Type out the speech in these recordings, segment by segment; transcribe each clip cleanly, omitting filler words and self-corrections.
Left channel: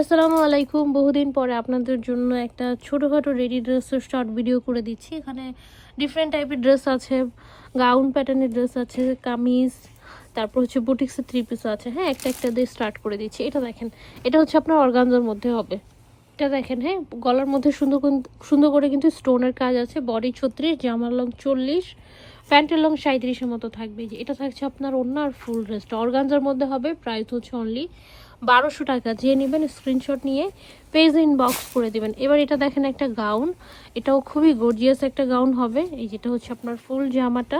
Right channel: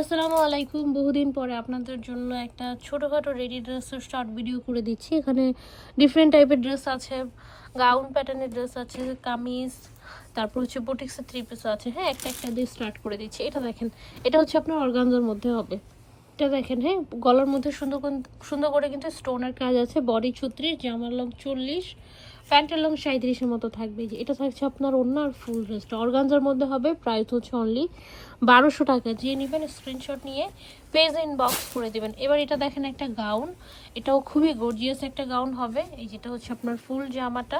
আসসালামু আলাইকুম। বহুদিন পরে আপনাদের জন্য একটা ছোটোখাটো রেডি ড্রেসের শর্ট ভিডিও করে দিচ্ছি। এখানে ডিফারেন্ট টাইপের ড্রেস আছে, গাউন প্যাটার্নের ড্রেস আছে, কামিজ, তারপর হচ্ছে বুটিক্সের থ্রি পিস আছে। হ্যাঁ, একটা একটা দিয়ে স্টার্ট করে দিচ্ছি। এটা দেখেন, এটা হচ্ছে আপনার অর্গানজার মধ্যে হবে। এটা দেখেন, হ্যাঁ, গলার মধ্যে সুন্দর করে কিন্তু স্টোনের কাজ আছে। বডি 36, জামার লং 40, প্যান্টের লং 37-এর মতো থাকবে। যে এটা থাকছে আপনার ওড়না আর ফুল ড্রেসটা অর্গানজার মধ্যে হবে। প্রাইস হচ্ছে অনলি 1200 টাকা। যে নেবেন স্ক্রিনশট নিয়ে পেজ ইনবক্স করে দেবেন। এবার এটা দেখেন একটা গাউন, এটাও খুবই গর্জিয়াস একটা গাউন হবে। এই যেটা হচ্ছে আপনার ফুল জামাটা,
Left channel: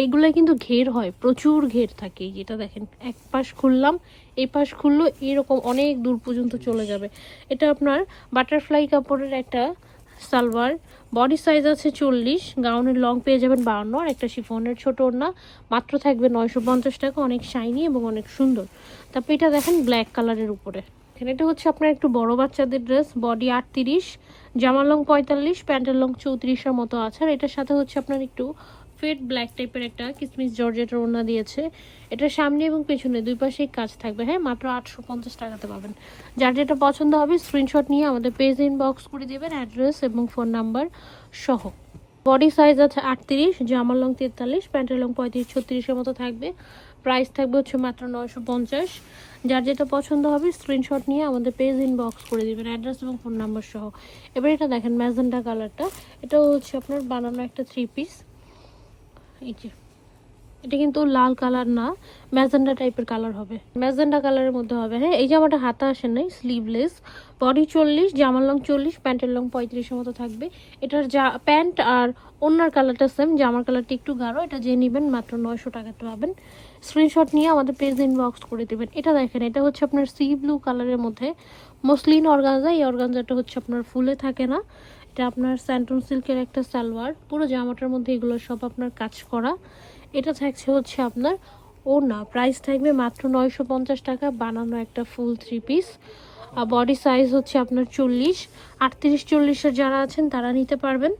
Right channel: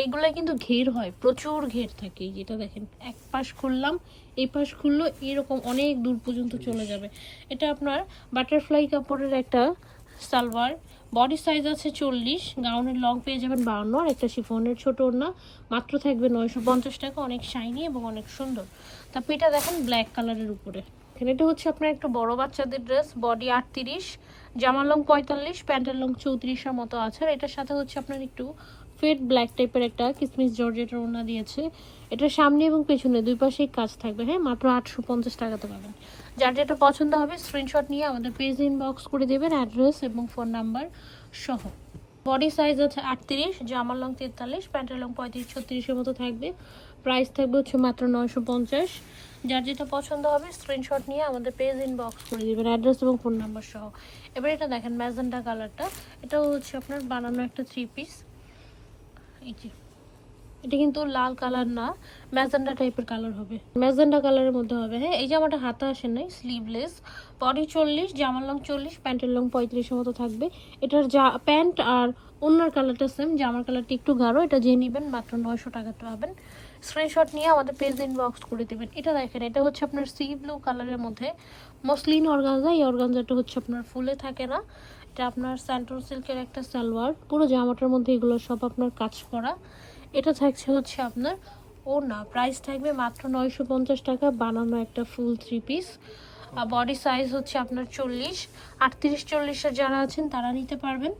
এইগুলো কিন্তু ঘের হয়, প্রচুর ঘের থাকে। যেটা দেখেন, এক পাশ খুললাম, এই পাশ খুললো, এরকম অনেক দূর পর্যন্ত চলে যাবে। এটা আপনার বাটারফ্লাই কাপড়ের একটা সালোয়ার, বডি সাইজ আছে 40, গাউনের লং পেয়ে যাবেন 52, আর একটা শিফনের ছোট ওড়না। মাত্র থাকবে 950 টাকা। অনেক শাইনি এবং অনেক সুন্দর। তারপর এটা দেখেন ব্ল্যাক কালারের উপরে, এটা হচ্ছে আপনার একটু বড় বাচ্চাদের ড্রেস। বডি 38, জামার লং 45, প্যান্টের লং 34-এর মতো আছে। আর এটার সাথে হচ্ছে আপনার একটু ফেড ব্ল্যাক টাইপের একটা কিসমিস জর্জেটের ওড়না দিয়েছে। এটা সামনে এবং পেছনে দুই পাশেই কাজ থাকবে। হ্যাঁ, মাত্র 850 টাকাতে পাবেন। যার যেটা পছন্দ হবে স্ক্রিনশট নিয়ে আমাদের পেজ ইনবক্স করে দেবেন, অ্যাড্রেস এবং ফোন নাম্বার সহ। বডি সাইজ আছে 38, জামার লং 43, প্যান্টের লং 35-36-এর মতো থাকবে। প্রাইস থাকবে হচ্ছে মাত্র 950। যার যেটা পছন্দ হবে স্ক্রিনশট নিয়ে আমাদের পেজ ইনবক্স করে দেবেন, অ্যাড্রেস এবং ফোন নাম্বার সহ। এবার এটা দেখেন ম্যাজেন্টা কালারটা, এটাও হচ্ছে আপনার বানানো একটা থ্রি পিস। এই যে এটা কিন্তু লাল কালার না, ম্যাজেন্টা টাইপের কালার হবে, ম্যাজেন্টা কালারের মধ্যে হবে। হ্যাঁ, এই জামাটা হাতা আসে নাই, স্লিভলেস। বডি 40, জামার লং 40, প্যান্টের লং 35-এর মতো থাকবে। এটার প্যান্ট আর ওড়নার কালারটা সেম, জামার কালারটা একটু গাঢ়। এটা যে নেবেন মাত্র 900 টাকাতে পাবেন। স্ক্রিনশট নিয়ে আমাদের পেজ ইনবক্স করে দেবেন। এটা দেখেন, এটা হচ্ছে আপনার সি ব্লু কালারের মধ্যে মসলিন অর্গানজা। এই অর্গানজাটা হচ্ছে আপনার ফুলে থাকে না, এটা আপনার স্যান্টন সিল্কের একটা সালোয়ার। পুরো জামাটার মধ্যে এগুলো সব আপনার কাজ করা। এটা থাকছে হচ্ছে আপনার ওড়না। প্রাইস থাকবে মাত্র 950 টাকা। বানানো একটা ফুল থ্রি পিস। আর বডি সাইজ হচ্ছে আপনার 40, 38-40-এর যারা আছেন তারা নিতে পারবেন।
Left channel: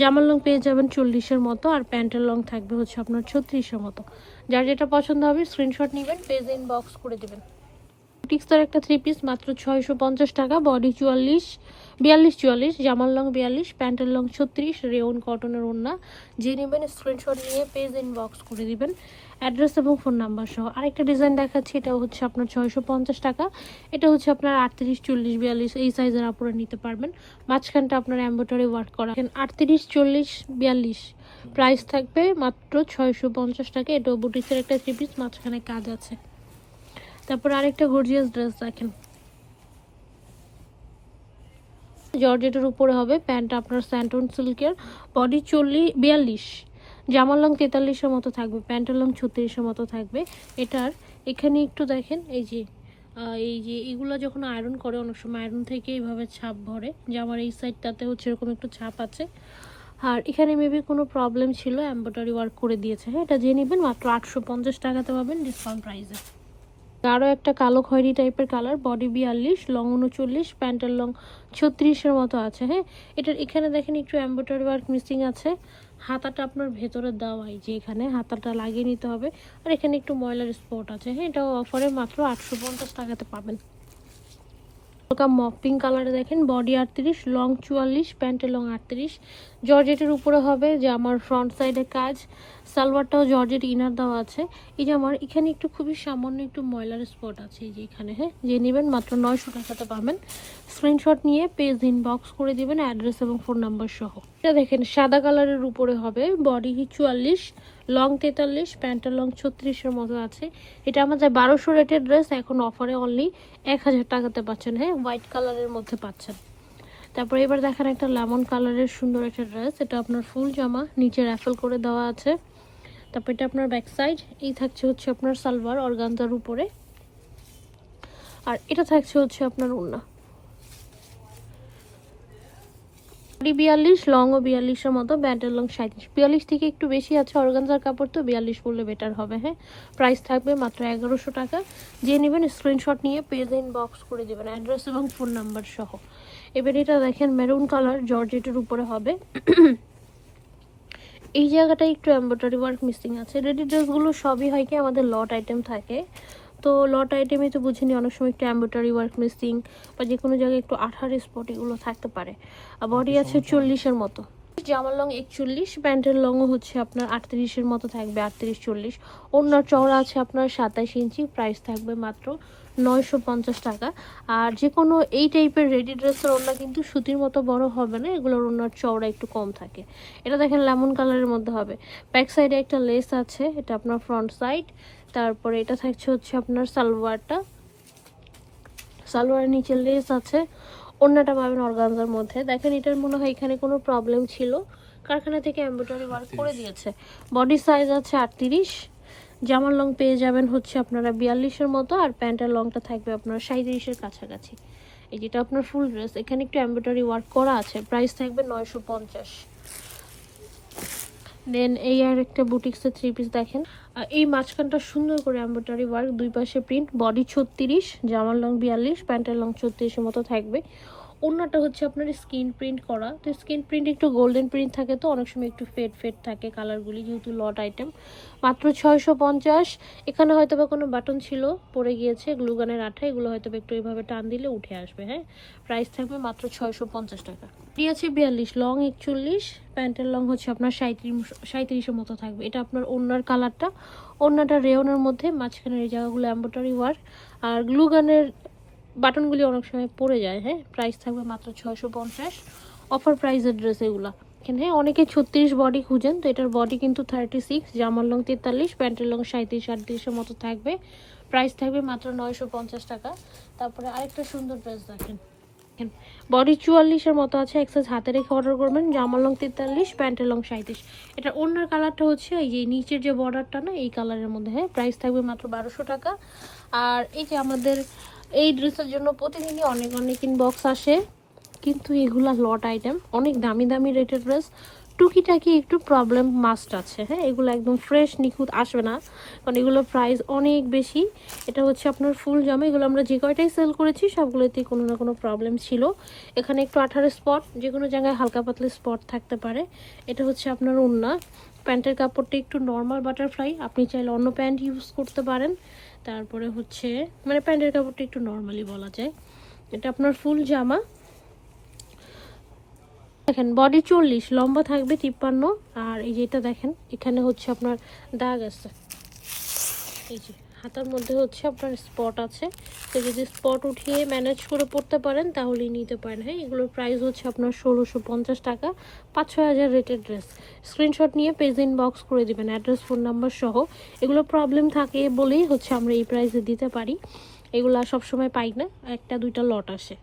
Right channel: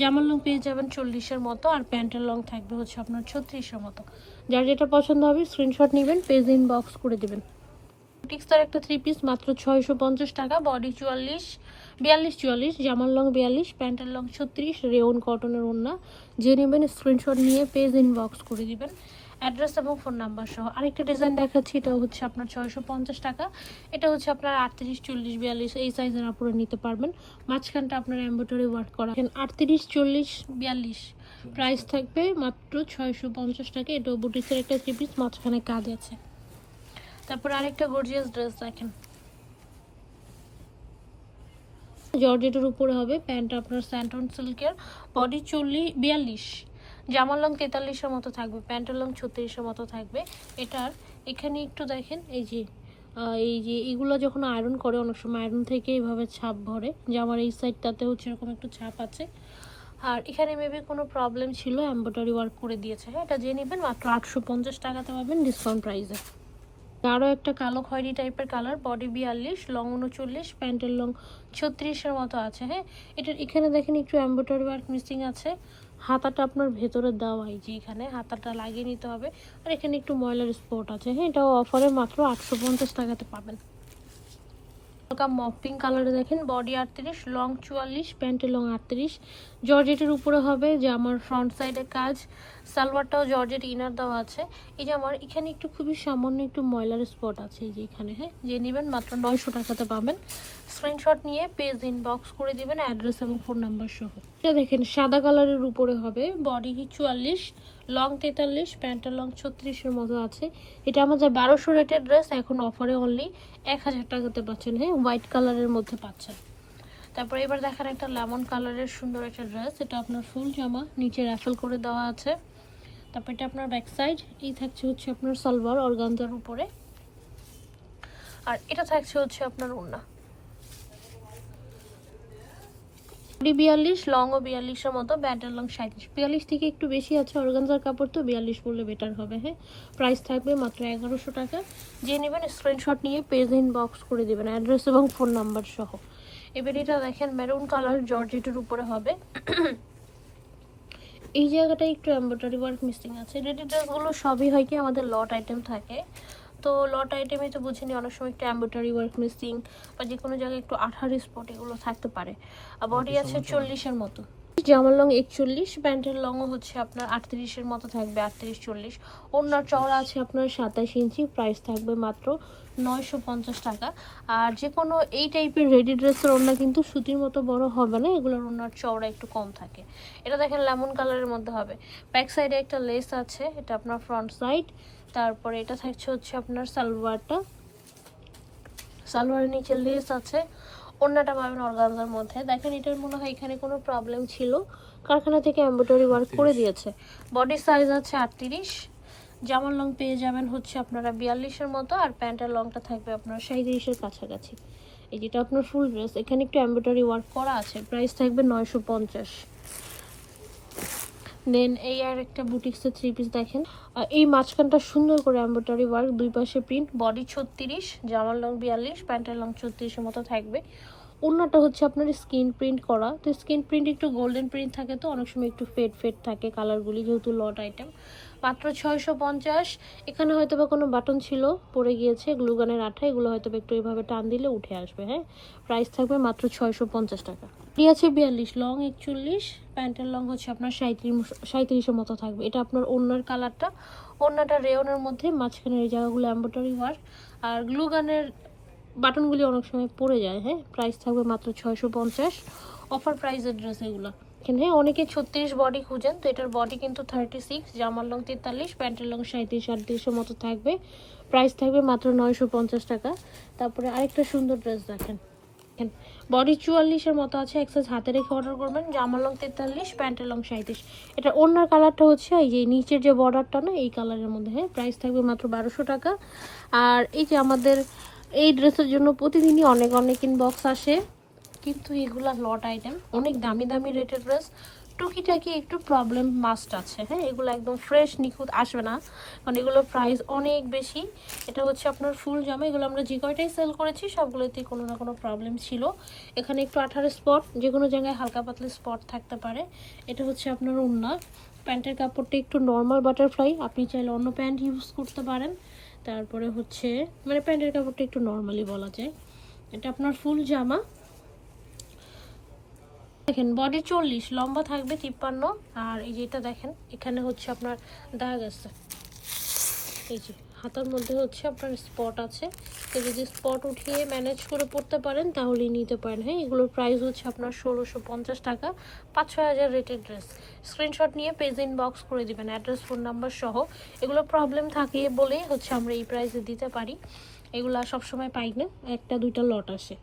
জামার লং পেয়ে যাবেন 40-এর মতো, আর প্যান্টের লং থাকবে হচ্ছে আপনার 36-এর মতো। যার যেটা পছন্দ হবে স্ক্রিনশট নেবেন, পেজ ইনবক্স করে দেবেন। বুটিক্সের একটা থ্রি পিস মাত্র 650 টাকা। বডি 42-44, জামার লং 42, প্যান্টের লং 36, রেওন কটনের ওড়না। যে নেবেন স্ক্রিনশট নিয়ে পেজ ইনবক্স করে দিবেন, অ্যাড্রেস এবং ফোন নাম্বার সহ। আরেকটা ডিজাইন দেখাচ্ছি, এটা হচ্ছে আপনার 650 টাকা। এটা হচ্ছে আপনার 38-40-42 এই সাইজের আপনারা নিতে পারবেন। মাঝখানটা আপনার এমব্রয়ডারি ওয়ার্ক করা। 38-40-42 প্রাইস থাকবে মাত্র 650 টাকা। এটাও বুটিক্সের একটা থ্রি পিস, মাঝখানে কাজ আছে। তারপর আরেকটা গর্জিয়াস ড্রেস দেখেন, জর্জেটের উপরে হবে। প্যান্ট আপনার স্যান্টন সিল্কের। বডি 42, জামার লং 43-এর মতো থাকবে, প্যান্টের লং 36-এর মতো থাকবে। এটার এখানে একটু দেখেন, এই যে এগুলো যখন আয়রন করে অনেক সময় আয়রন থেকে এইভাবে ছাপ ভরে। জামার এই সাইডটাতে হচ্ছে এরকম একটু ছাপ আছে। আর এখানে মেবি কোনো প্রবলেম ছিল, এমব্রয়ডারি ওয়ার্ক করে দিয়েছে। হ্যাঁ, এটা যে নেবেন মাত্র 850 টাকাতে পাবেন ডিসকাউন্ট প্রাইসে। আরও একটা কালো খয়েরি টাইপের কালার। বডি 42, লং 39, প্যান্টের লং 36-এর মতো আছে। হ্যাঁ, এটার এখানে দেখেন একটু এমব্রয়ডারি ওয়ার্ক মিসিং আছে। হাতাটা আপনার ভেতরে দেওয়া, এই যে এখানে হাতাটা লাগিয়ে নিতে হবে। আর এখানে একটু ময়লার স্পট আছে। হ্যাঁ, এটাও অফারে মাত্র 850 টাকাতে পাবেন। হালকা মক পিঙ্ক কালারে দেখেন, বডি 38, লং 44, প্যান্টের লং 38, জর্জেটের উপরে হবে। যে আমার ফ্রন্ট সাইডে কাজ, সালোয়ারটাও জর্জেট ইনার দেওয়া আছে। এই যে আমার এখানে একটু খুবই সামান্য একটু ময়লার স্পট আছে, এই যে এখানে। হ্যাঁ, যে নেবেন মাত্র 900 টাকাতে পাবেন। স্ক্রিনশট নিয়ে পেজ ইনবক্স করে দিবেন, অ্যাড্রেস এবং ফোন নাম্বার সহ। এটা দেখেন সাদা কালারের উপরে হবে। বডি 44, লং 43, প্যান্টের লং 36-এর মতো আছে। এটা আমাদের 1200 রেটের ড্রেস, এখন অফারে অনলি 1000 টাকাতে পাচ্ছেন। হ্যাঁ, হোয়াইট কালারের মধ্যে পাচ্ছেন। তারপরে এবার দেখেন একটা লেমন কালারের সুন্দর একটা ড্রেস। এটা আপনার ফুল জামা, নিচে র্যাফেল করে দেওয়া আছে। তারপর এটা আপনার ব্যাক সাইড, এই থাকছে হচ্ছে আপনার সালোয়ার অর্গানজার উপরে। আর এটা থাকছে হচ্ছে আপনার ওড়না। বডি 42, লং ও 42-এর মতো, প্যান্টের লং 37। 42 থেকে একটু বেশি আছে অর্গানজার কাপড়, তো 42 পরলে বেটার হবে। হ্যাঁ, প্রাইস থাকবে মাত্র 1100 টাকা। যে নেবেন স্ক্রিনশট নিয়ে পেজ ইনবক্স করে দেবেন, অ্যাড্রেস এবং ফোন নাম্বার সহ। এবার এটা দেখেন মেরুন কালার, জর্জেটের উপরে হবে। এই জায়গাটায় একটু এমব্রয়ডারি ওয়ার্ক মিসিং আছে। রেডি ড্রেসগুলো সবই হয় কি আমাদের লট আইটেম থাকে, তো লট আইটেমে তো বুঝিনি, অনেক সময় একটু এমব্রয়ডারি ওয়ার্ক মিসিং বা যে কোনো জায়গায় একটু আঠার স্পট এগুলো থাকতে পারে। আর বডি আছে 40-এর মতো, জামার লং 41, প্যান্টের লংও হচ্ছে আপনার 38-এর মতো থাকবে, 38-40। ওড়নার চওড়া আছে আপনার 27 ইঞ্চি, প্রাইস থাকবে মাত্র 950 টাকা। আর যে কোনো এই টাইপের রেডি ড্রেসের ওড়না কিন্তু সুতির মতো বড় হবে না, এগুলোর ওড়নার চওড়া একটু কম থাকে। এটা দেখেন লেমন কালারের মধ্যে হবে, ব্যাক সাইডে একটা লেস আছে, এটা আপনার ফ্রন্ট সাইড। তারপরে এটা থাকছে হচ্ছে আপনার সালোয়ারটা, সালোয়ারের নিচে লেস আছে। ওড়নাটা পাবেন অর্গানজার মধ্যে। দেখেন এটার মনে হয় এখানে কোনো প্রবলেম ছিল, কারখানা থেকে এমব্রয়ডারি ওয়ার্ক করে দিয়েছে। বডি সাইজ আছে 38, জামার লং পেয়ে যাবেন হচ্ছে আপনারা 42-এর মতো, আর প্যান্টের লংটা থাকবে আপনার 37-এর কাছাকাছি। এই যেটা আপনার ফুল ড্রেস, এখানে একটু এমব্রয়ডারি ওয়ার্ক করা আছে, প্রাইস থাকবে 950। দেন এই আর একটা বুটিক্সের 3 পিস দেখেন, এই মাঝখানটা সুন্দর করে এমব্রয়ডারি ওয়ার্ক, দুই পাশে প্রিন্ট, বডি 36, জামার লং 42, প্যান্টের লং 36-এর মতো থাকবে। ওড়নাটা হচ্ছে আপনার স্কিন প্রিন্ট করা, তো স্কিন প্রিন্ট একটু গোল্ডেন প্রিন্ট থাকে, তো অনেক সময় একটু ফেড ফেড থাকে কালারগুলি, যেহেতু লট আইটেম। মাত্র 650। এখানে হয়তো বা কোনো বাটন ছিল পড়ে গিয়েছে, গ্লুগানের আঠা, এগুলো হয়তো বা একটু এইভাবে টান দিলে উঠে আসবে। হ্যাঁ, প্রাইস থাকবে মাত্র 650 টাকা। এটি আছে 42, লং 41, প্যান্টের লং হচ্ছে আপনার 37-এর মতো থাকবে। এটা আপনার ওড়নার কালারটা, ওড়নাটা রেওনের মধ্যে, মাঝখানের এই জায়গাগুলো এমব্রয়ডারি ওয়ার্ক, আর গ্লুগানের বাটনগুলি অনেক সময় পড়ে যায়। হ্যাঁ, প্রাইস থাকবে মাত্র 650, অফার প্রাইসের ড্রেস এগুলা। এখানে অনেকে 36 বডি খুঁজেন, তো এটার বডি কিন্তু 36, জামার লং 43, প্যান্টের লং 37-38-এর মতো থাকবে, প্রাইস থাকবে মাত্র 950 টাকা। তারপরে আরেকটা সুন্দর ড্রেস দেখেন, বডি 44-এর মতো আছে, এক্সাইজ হাতে রেখে অর্ডার করবেন, জামার লং 43, প্যান্টের লং 37। এটা ওড়নার কালারটা হচ্ছে এই যে নিচের যে বর্ডারটা না, এই কালারের মধ্যে। হ্যাঁ, প্রাইস থাকবে মাত্র 1200 টাকা। আর এই যে আমাদের এই ড্রেসের জন্য প্রতিদিনই অনেক অনেক ইনবক্স আসে, কিন্তু এগুলা লট আইটেম, অনেক দামি দামি রেটের ড্রেস, টুকিটাকি একটু প্রবলেম মাস্ট আছে। হ্যাঁ, এগুলো একদম ফ্রেশ নিখুঁত আসবে না, কারণ এগুলোর প্রাইস অনেক বেশি। এটা হচ্ছে আপনার ফুল জামা, এগুলো আমরা যে কয়টাই সেল করেছি সবগুলোতে কোনো না কোনো প্রবলেম ছিল। এখানে একটু 18 স্পট, যে কোনো জায়গায় হালকা পাতলা স্পট থাকতে পারে। এটা হচ্ছে আপনার ওড়না, প্যান্টের কাপড়টা একটু নর্মাল বাটারফ্লাই, আপনি চাইলে অন্য প্যান্ট ইউজ করতে পারেন। তারপরে হচ্ছে মানে প্যান্টের কাপড়টা একটু নর্মালি বলা যায়। এটা আপনার ফুল জামা, দেখেন বডি 40, লম্বা থাকবে 53। আর এই যেটা দেখেন এখানে হচ্ছে আপনার দাগ আছে, এই যে হাতার মধ্যে হচ্ছে আপনার স্পট আছে, তো যদি স্পট উঠিয়ে ম্যানেজ করে পড়তে পারেন তাহলেই নিতে পারেন। হ্যাঁ, এগুলোর প্রাইস হচ্ছে আপনার 1650 টাকা, 5-6 হাজার রেটের ড্রেস। স্ক্রিনশট নিয়ে পেজ ইনবক্স করে দিবেন, অ্যাড্রেস ফোন নাম্বার সহ। এগুলো প্রবলেম থাকে বলেই হচ্ছে আমরা এই প্রাইসে দিতে পারি, এগুলো সবসময় পাই না, একটা দুইটা লট আসে।